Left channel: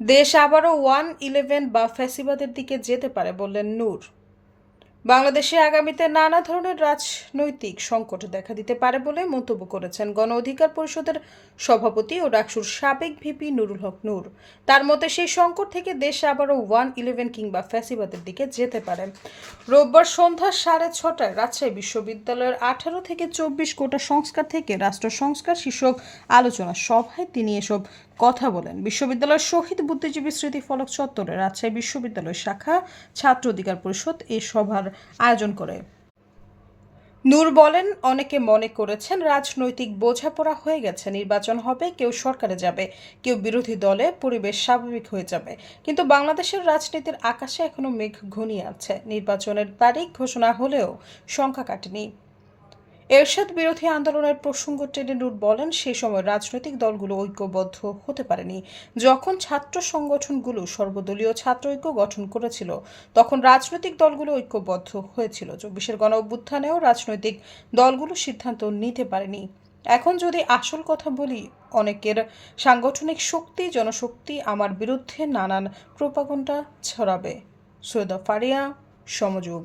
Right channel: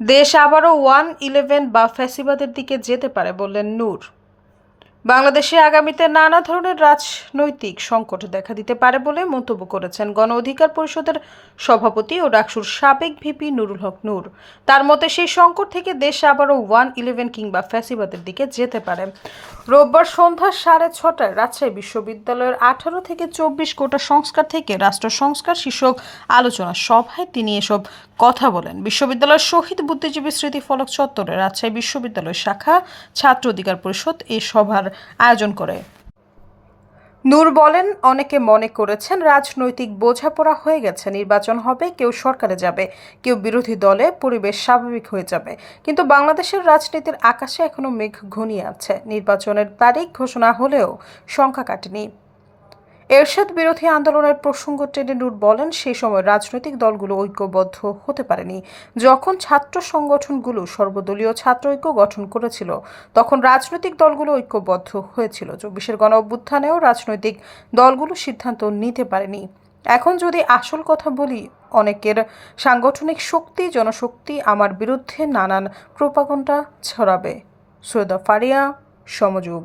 দেশ আবারও 1-11 বা ফ্যাসিবাদের দিকে যেতে পারে বললেন নূর। বাংলাদেশে আগামীতে নানা ধরনের রাজনৈতিক সংকট দেখা দিতে পারে বলে মন্তব্য করেছেন গণ অধিকার পরিষদের সভাপতি ও ডাকসুর সাবেক ভিপি নুরুল হক নূর। তার মতে সেই সংকট থেকে দেশ আবারও 1-11 কিংবা ফ্যাসিবাদের দিকে যেতে পারে। রোববার সন্ধ্যা 6:30টায় রাজশাহী বিশ্ববিদ্যালয়ের 18 থেকে 24 কোটা সংস্কার থেকে রাষ্ট্র সংস্কার শীর্ষক আলোচনা সভায় তিনি এসব কথা বলেন। বিশ্ববিদ্যালয়ের শহীদ বুদ্ধিজীবী স্মৃতিফলক চত্বরে রাজশাহী বিশ্ববিদ্যালয় শাখা ছাত্র অধিকার পরিষদ এই সভার আয়োজন করে। নূর বলেন, অনেকে মনে করেছেন রাজনৈতিক বোঝাপড়া হয়ে গেছে, নির্বাচন হবে, কেউ সরকারে যাবে, কেউ বিরোধী দলে, পরিবেশ স্বাভাবিক হয়ে যাবে। কিন্তু বাংলাদেশের রাজনীতির আকাশে এখনো মেঘ ঘনিয়ে আছে। নির্বাচনের তারিখ ঘোষণা হলেও সংখ্যা কাটেনি। এরশাদ বিরোধী আন্দোলনের প্রসঙ্গ টেনে নূর বলেন, সেই সময় রাজনৈতিক দলগুলো ঐক্যবদ্ধ হতে পারেনি। যখন ছাত্র সংগঠনগুলো সর্বদলীয় ছাত্র ঐক্য গঠন করেছিল, তখন রাজনৈতিক দলগুলো ঐক্যবদ্ধ হয়েছিল। 24-এর গণ অভ্যুত্থানেও রাজনৈতিক দলগুলো সিদ্ধান্ত নিতে পারেনি। এখন যদি আসল কথা বলি, অনেকের সাংগঠনিক শক্তি, জনশক্তি আমার বিরুদ্ধে নানান প্রোপাগান্ডা ছড়াবে। সৈয়দা ফারিয়া, সমযোগ।